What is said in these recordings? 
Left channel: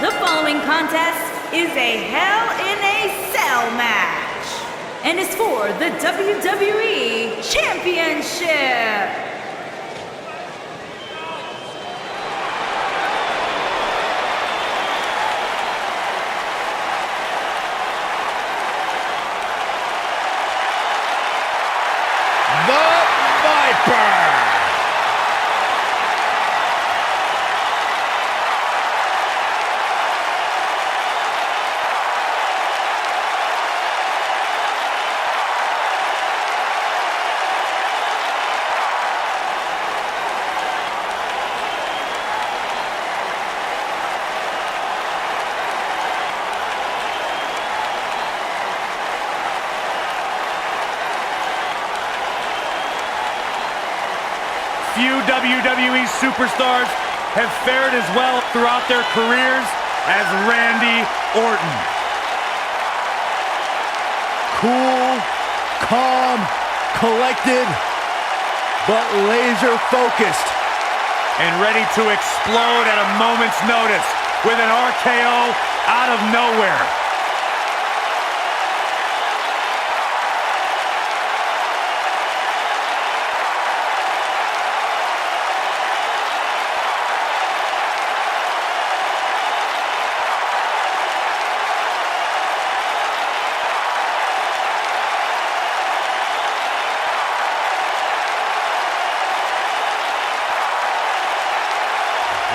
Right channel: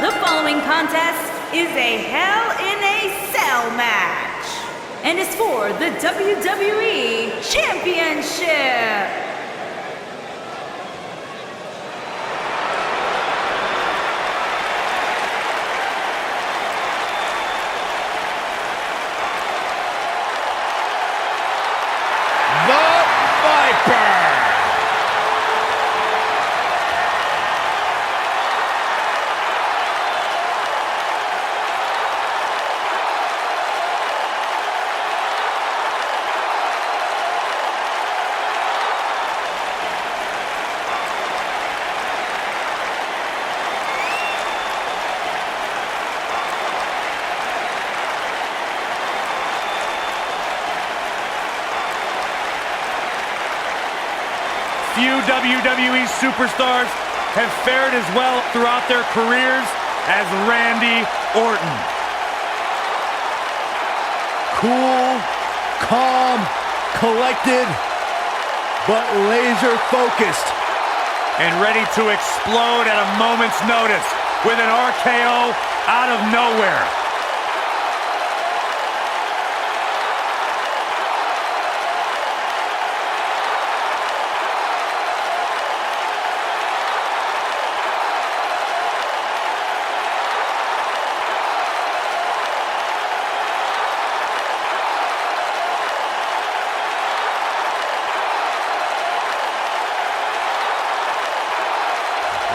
The following contest is a Hell in a Cell match and is for the WWE Championship. The Viper! Few WWE superstars have fared as well throughout their careers as Randy Orton. Cool, calm, collected, but laser focused. And ready to explode at a moment's notice with an RKO out of nowhere.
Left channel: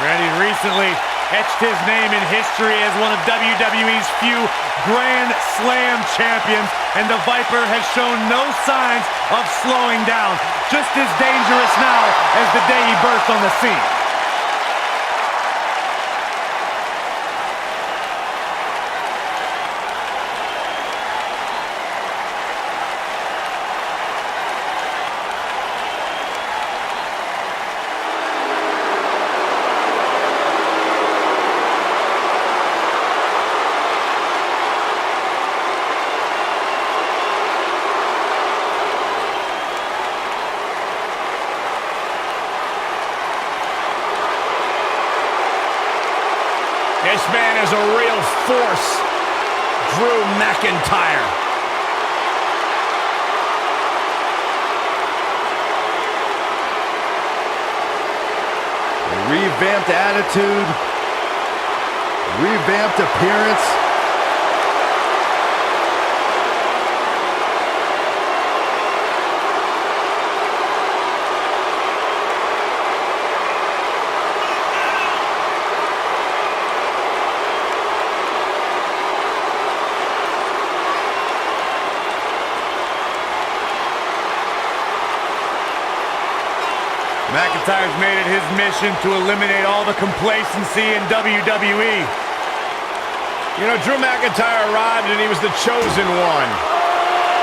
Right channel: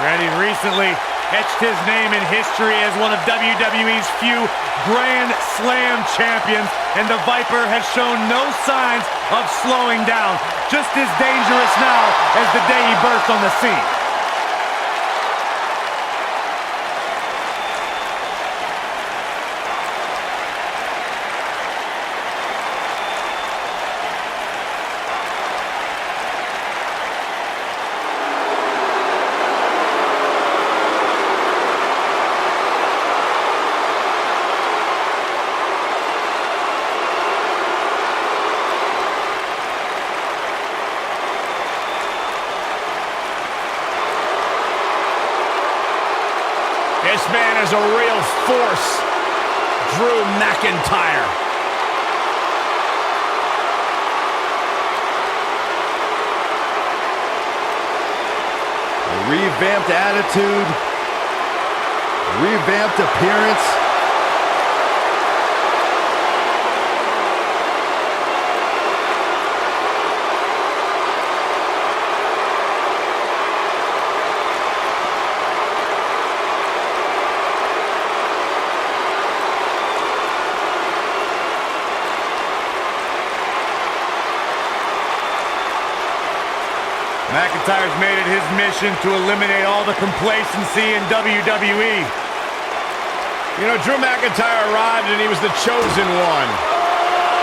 Randy recently etched his name in history as one of WWE's few Grand Slam champions, and the Viper has shown no signs of slowing down. Just as dangerous now as the day he burst on the scene. This man is a real force, Drew McIntyre. A revamped attitude, revamped appearance. McIntyre's made it his mission to eliminate all the complacency in WWE. You know, Drew McIntyre arrived and he was the chosen one.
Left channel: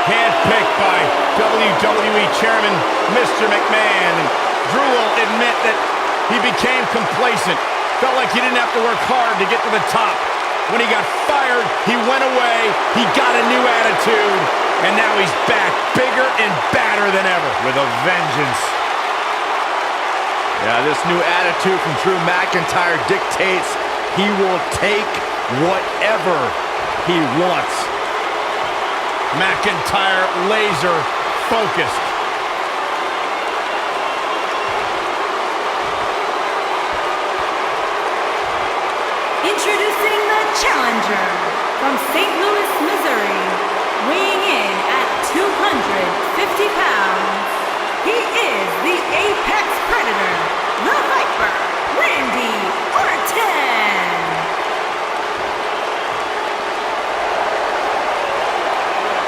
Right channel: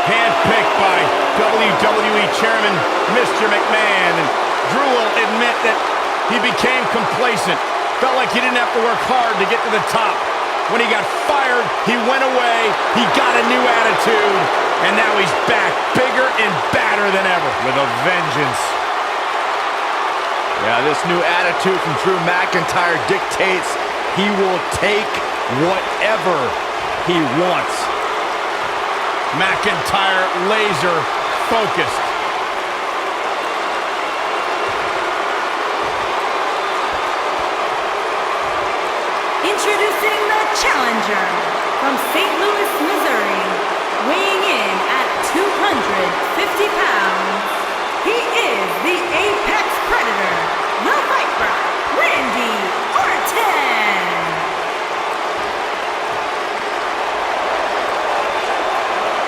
Handpicked by WWE Chairman Mr. McMahon. And Drew will admit that he became complacent. Felt like he didn't have to work hard to get to the top. When he got fired, he went away, he got a new attitude, and now he's back, bigger and badder than ever. With a vengeance. Yeah, this new attitude from Drew McIntyre dictates he will take whatever he wants. McIntyre laser focused. Introducing the challenger from St. Louis, Missouri, weighing in at 250 pounds. He is the Apex Predator, the Viper, Randy Orton.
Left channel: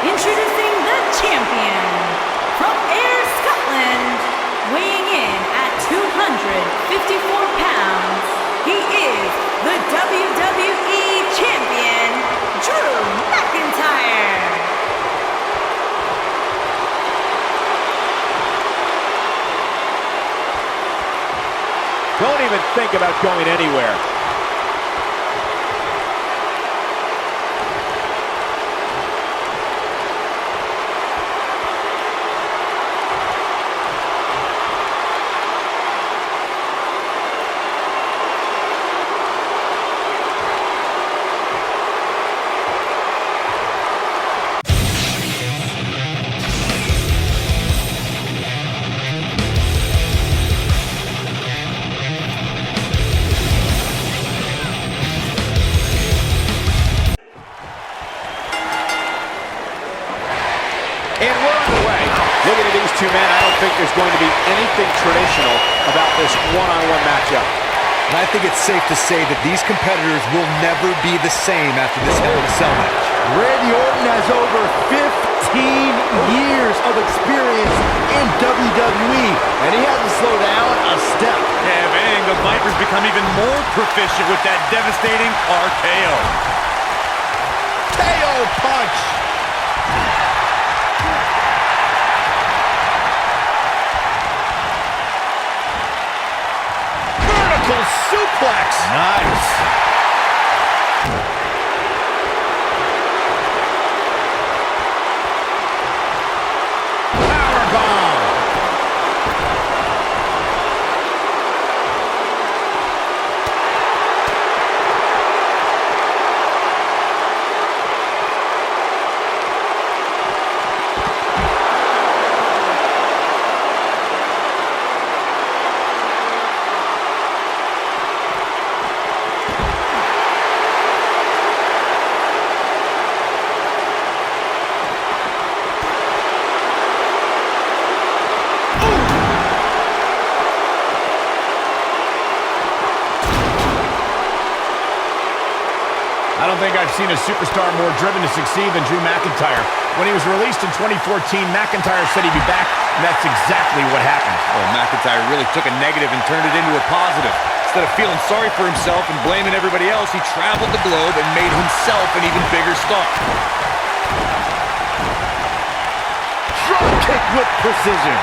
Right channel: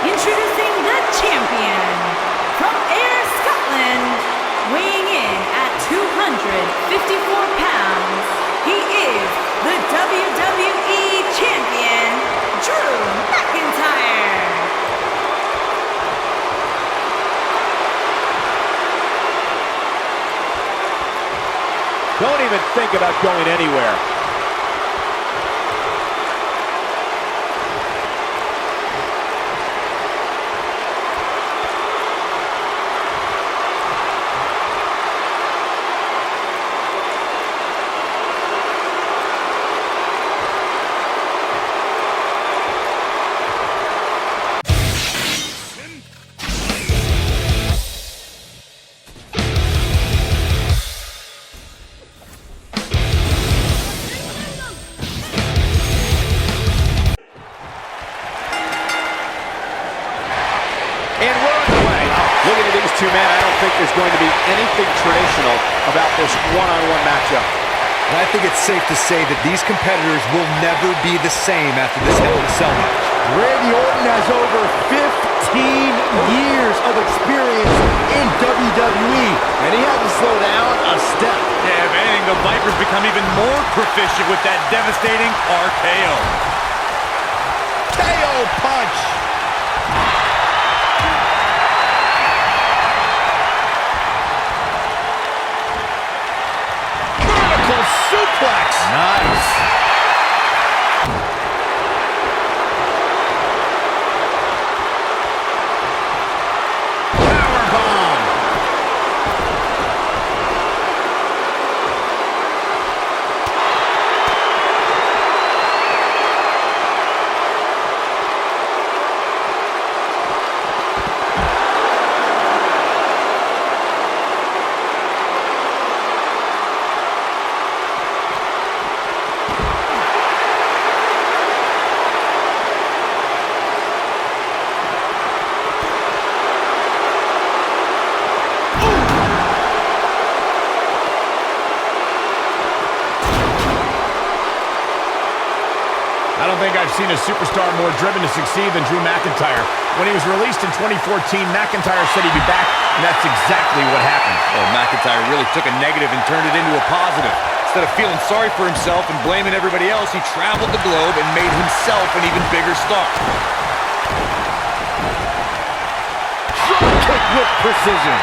Introducing the champion from Ayr, Scotland, weighing in at 254 pounds. He is the WWE Champion, Drew McIntyre. Don't even think about going anywhere. two men, I don't think there's going to be anything traditional about this one-on-one matchup. And I think it's safe to say that these competitors will never be the same after this Hell in a Cell match. Randy Orton has over 15 years of experience in WWE, and he hasn't slowed down a step. Yeah, if anything, the Vipers become even more proficient with that devastating RKO. KO punch. Vertical suplex. Nice. Powerbomb. I don't think I've seen a superstar more driven to succeed than Drew McIntyre. When he was released in 2014, McIntyre said he'd be back, and that's exactly what happened. Oh, McIntyre really took a negative and turned it into a positive. Instead of feeling sorry for himself and blaming everybody else, he traveled the globe and made himself an even bigger star. Drop kick with precision.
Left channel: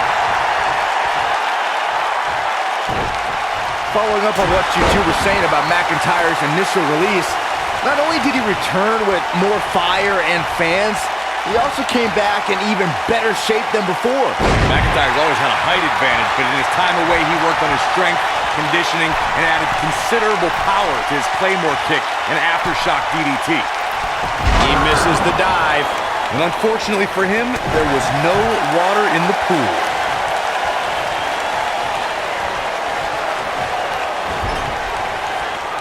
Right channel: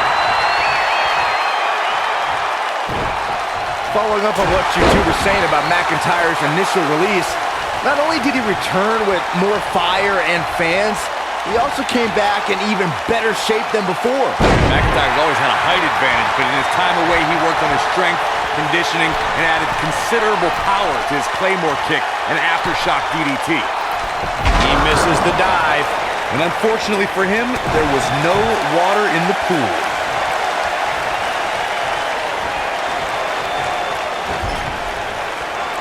Following up on what you two were saying about McIntyre's initial release, not only did he return with more fire and fans, he also came back in even better shape than before. McIntyre's always had a height advantage, but in his time away, he worked on his strength, conditioning, and added considerable power to his Claymore kick and aftershock DDT. He misses the dive. And unfortunately for him, there was no water in the pool.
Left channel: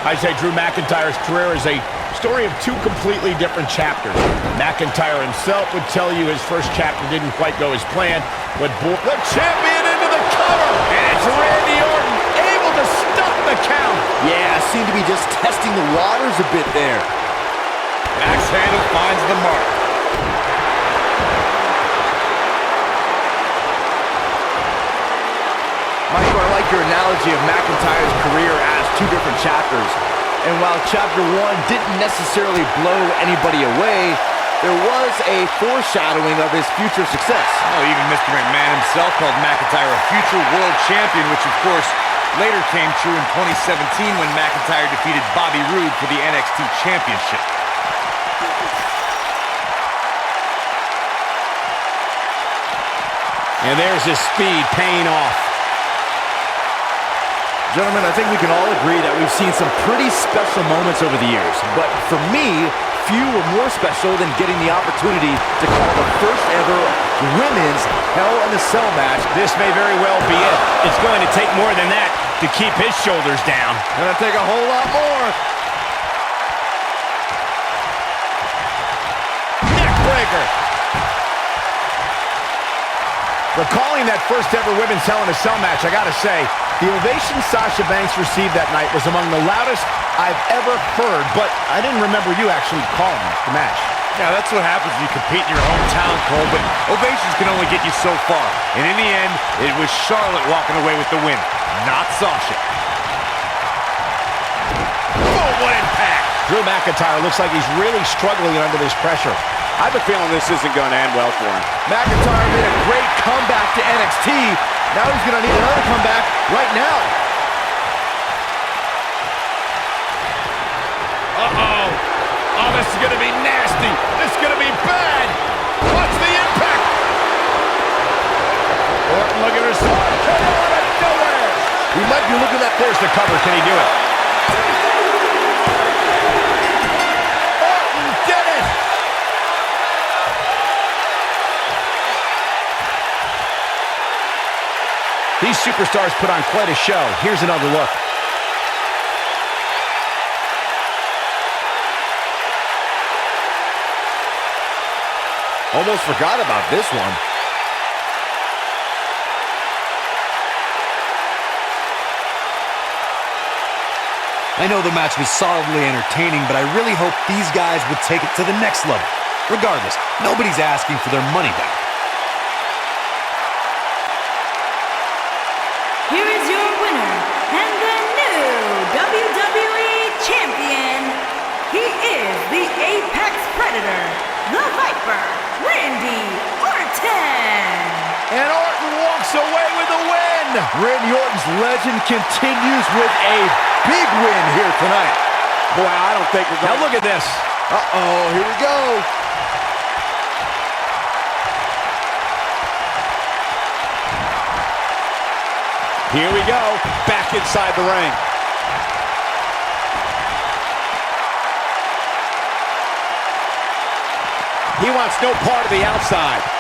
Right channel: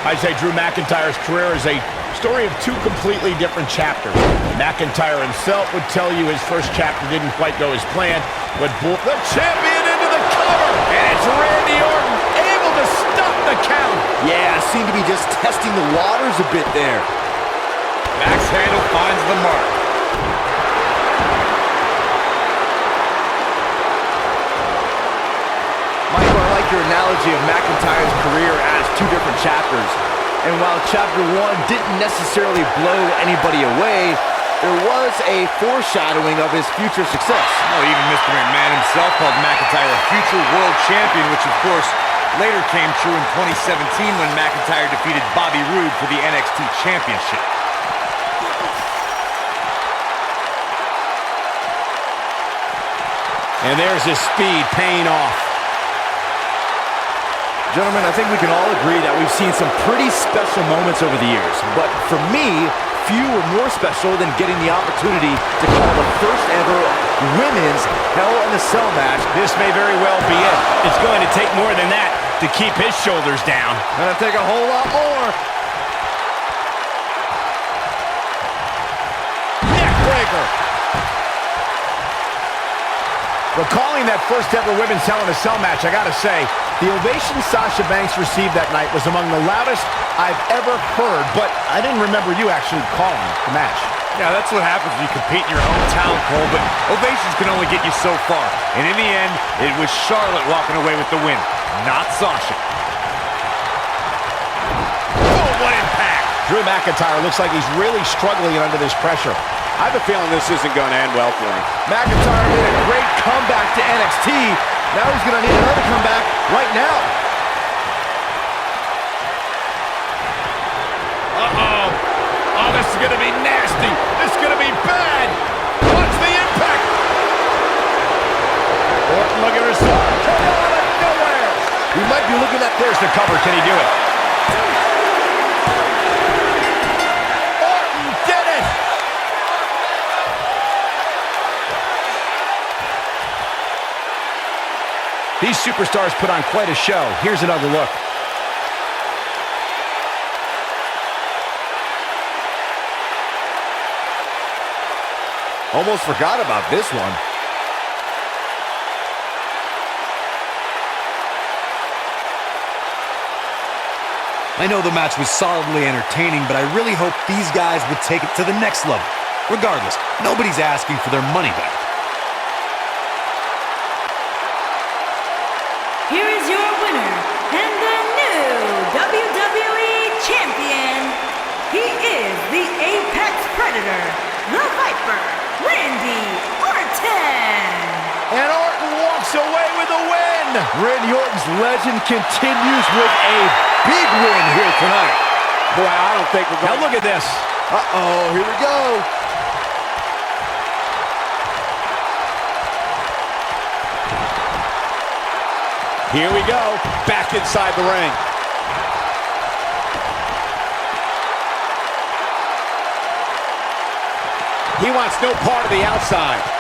I say Drew McIntyre's career is a story of two completely different chapters. McIntyre himself would tell you his first chapter didn't quite go as planned, but the champion into the cover, and it's Randy Orton able to stop the count. Yeah, seemed to be just testing the waters a bit there. Axe handle finds the mark. Michael, I like your analogy of McIntyre's career as two different chapters. And while chapter one didn't necessarily blow anybody away, there was a foreshadowing of his future success. Oh, even Mr. McMahon himself called McIntyre a future world champion, which of course later came true in 2017 when McIntyre defeated Bobby Roode for the NXT Championship. And there's his speed paying off. Gentlemen, I think we can all agree that we've seen some pretty special moments over the years. But for me, few were more special than getting the opportunity to call the first ever women's Hell in a Cell match. This may very well be it. It's going to take more than that to keep his shoulders down. Gonna take a whole lot more. Neck breaker. Recalling that first ever women's Hell in a Cell match, I gotta say, the ovation Sasha Banks received that night was among the loudest I've ever heard, but I didn't remember you actually calling the match. Yeah, that's what happens when you compete in your hometown, Cole, but ovations can only get you so far. And in the end, it was Charlotte walking away with the win, not Sasha. Oh, what impact! Drew McIntyre looks like he's really struggling under this pressure. I have a feeling this isn't going to end well for him. McIntyre made a great comeback to NXT. Now he's going to need another comeback right now. Uh-oh. Oh, this is going to be nasty. This is going to be bad. Watch the impact. Orton looking for some KO out of nowhere. He might be looking at There's the cover. Can he do it? Orton did it. These superstars put on quite a show. Here's another look. Almost forgot about this one. I know the match was solidly entertaining, but I really hope these guys would take it to the next level. Regardless, nobody's asking for their money back. Here is your winner and the new WWE Champion. He is the Apex Predator, the Viper, Randy Orton. And Orton walks away with a win. Randy Orton's legend continues with a big win here tonight. Boy, I don't think we're going Now look at this. Uh-oh, here we go. Here we go, back inside the ring. He wants no part of the outside.